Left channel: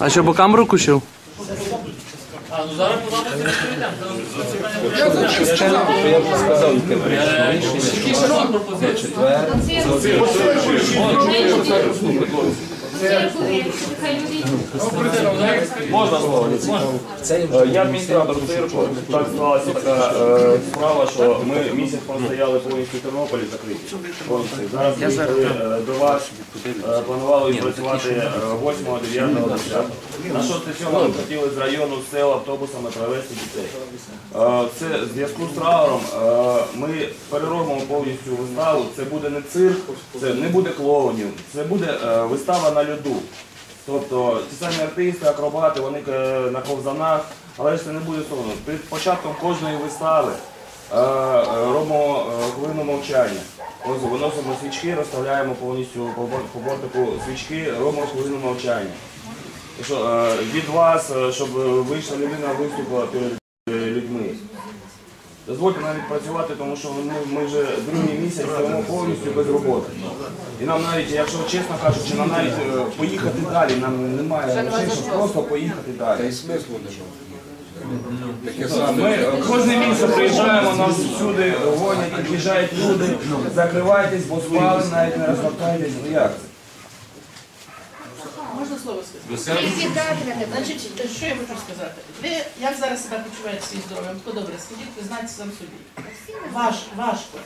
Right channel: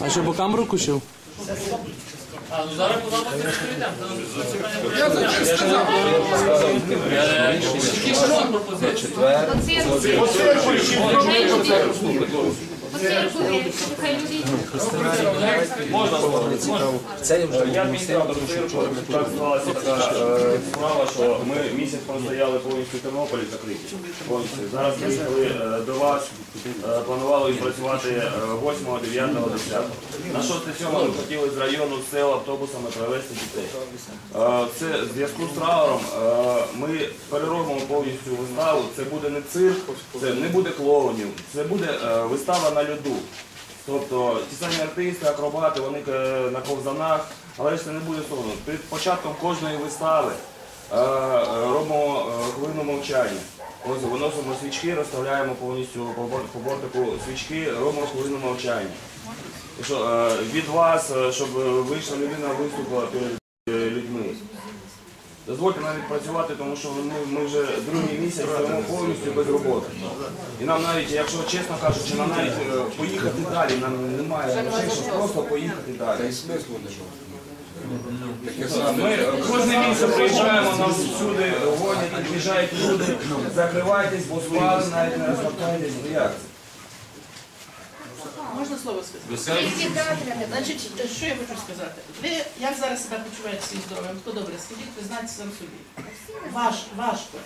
А що по камеру? Ну зараз Можна слово? Я адміністратор цирку. Так склалася така е, справа, що ми місяць простояли повністю в Тернополі закриті. Зараз е, до вас, е, планували відпрацювати е, 8, 9, 10. На 6 7 ми хотіли з району з сел автобусами привезти дітей. Е, Це в зв'язку з трауром е, ми переробимо повністю виставу. Це буде не цирк, це не буде клоунів, це буде е, вистава на льоду. Тобто ті самі артисти, акробати, вони е, на ковзанах, але ж це не буде соромно. Перед початком кожної вистави е, робимо е, хвилину мовчання. Ось виносимо свічки, розставляємо повністю по бортику свічки, робимо хвилину мовчання. Що, від вас, щоб вийшла людина, виступила перед людьми. Дозвольте навіть працювати, тому що ми, ми вже другий місяць стоїмо повністю без роботи. І нам навіть, якщо чесно кажучи, нам навіть е, поїхати далі, нам немає грошей, щоб просто поїхати далі. Ми е, кожне місце приїжджаємо, нас всюди гонять, під'їжджають люди, закривайтесь, бо спали, навіть не розвертайтесь. Ну як це? Слово сказати? Значить, що я хочу сказати? Ви як зараз себе почуваєте свій здоров'ям? Хто добре, скажіть, ви знаєте сам собі. Важко, важко.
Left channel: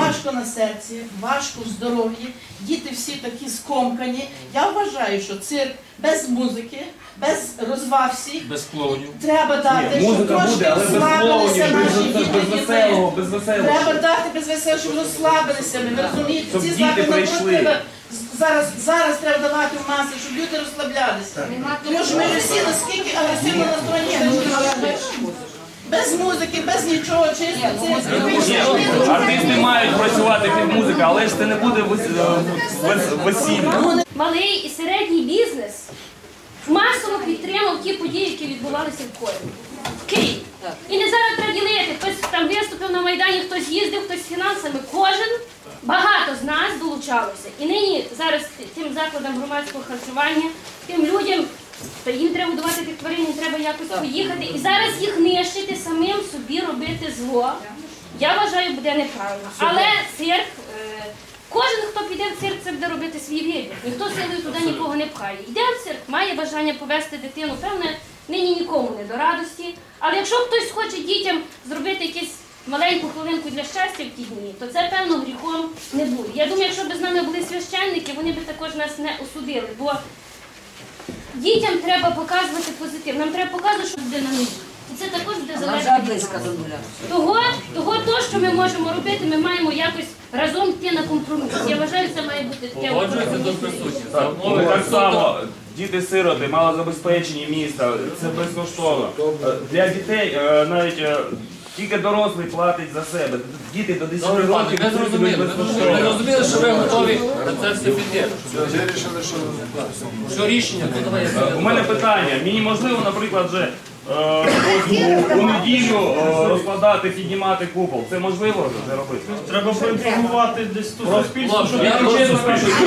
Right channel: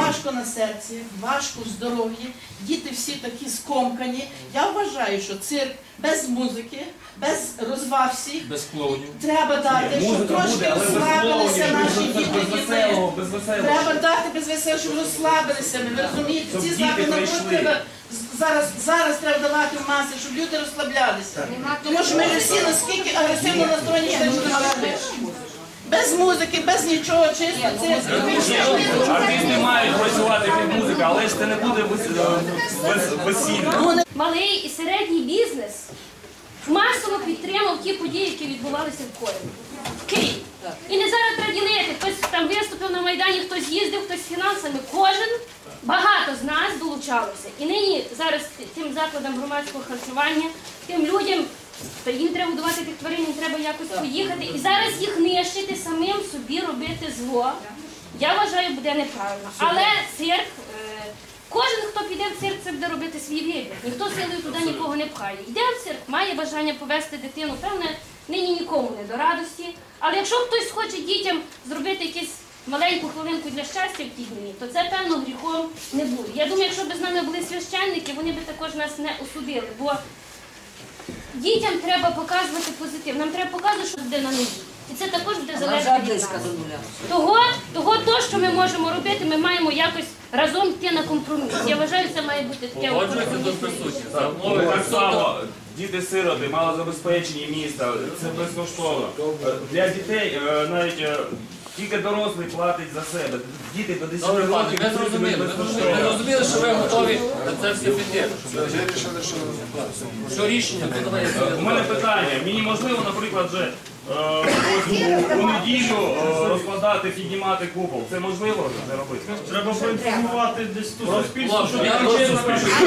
Важко на серці, важко в здоров'ї, діти всі такі скомкані. Я вважаю, що цирк без музики, без розваг всіх Без клоунів. треба дати, щоб Музика трошки але без розслабилися клоунів, наші без, діти. без діти. веселого, без веселого. Треба дати без веселого, щоб розслабилися. ми, Ви розумієте, Щоб ці діти заходи наоборот прийшли. з- зараз, зараз треба давати в маси, щоб люди розслаблялися. Тому що ми всі наскільки агресивно настроєні, можемо. Без музики, без нічого, чисто це Артисти мають працювати під музику, але ж це не буде е, весілля. малий і середній бізнес масово підтримав ті події, які відбувалися в Києві. І не зараз треба ділити. Хтось там виступив на Майдані, хтось їздив, хтось з фінансами. Кожен багато з нас. І нині зараз тим закладам громадського харчування, тим людям, їм треба годувати тих тварин, їм треба якось поїхати. І зараз їх нищити, самим собі робити зло. Я вважаю, буде неправильно. Але цирк. е, Кожен, хто піде в цирк, це буде робити свій вибір. Ніхто силою туди нікого не пхає. Йде в цирк, має бажання повести дитину, певне, нині нікому не до радості. Але якщо хтось хоче дітям зробити якусь маленьку хвилинку для щастя в ті дні, то це певно гріхом не буде. Я думаю, якщо б з нами були священники, вони б також нас не осудили. Бо дітям треба показувати позитив. Нам треба показувати, що буде на нулі. І це також буде залежати від нас. Того, того, то, що ми можемо робити, ми маємо якось разом йти на компроміс. Я вважаю, це має бути таке. Погоджується до присутніх. За Так, умови так так само діти-сироти, малозабезпечені міста, це безкоштовно. Е, Для дітей е, навіть е, тільки дорослий платить за себе. Діти до 10 Добре, пане, років ми це зрозуміли. Ми зрозуміли, що ви готові на це все піти. Що рішення? Ну, давай я У мене питання. Мені можливо, наприклад, вже е, ось у, у неділю е, розкладати, піднімати купол. Це можливо вже робити? Треба поінформувати десь тут суспільство, Хлопці, що я таке дуже суспільство.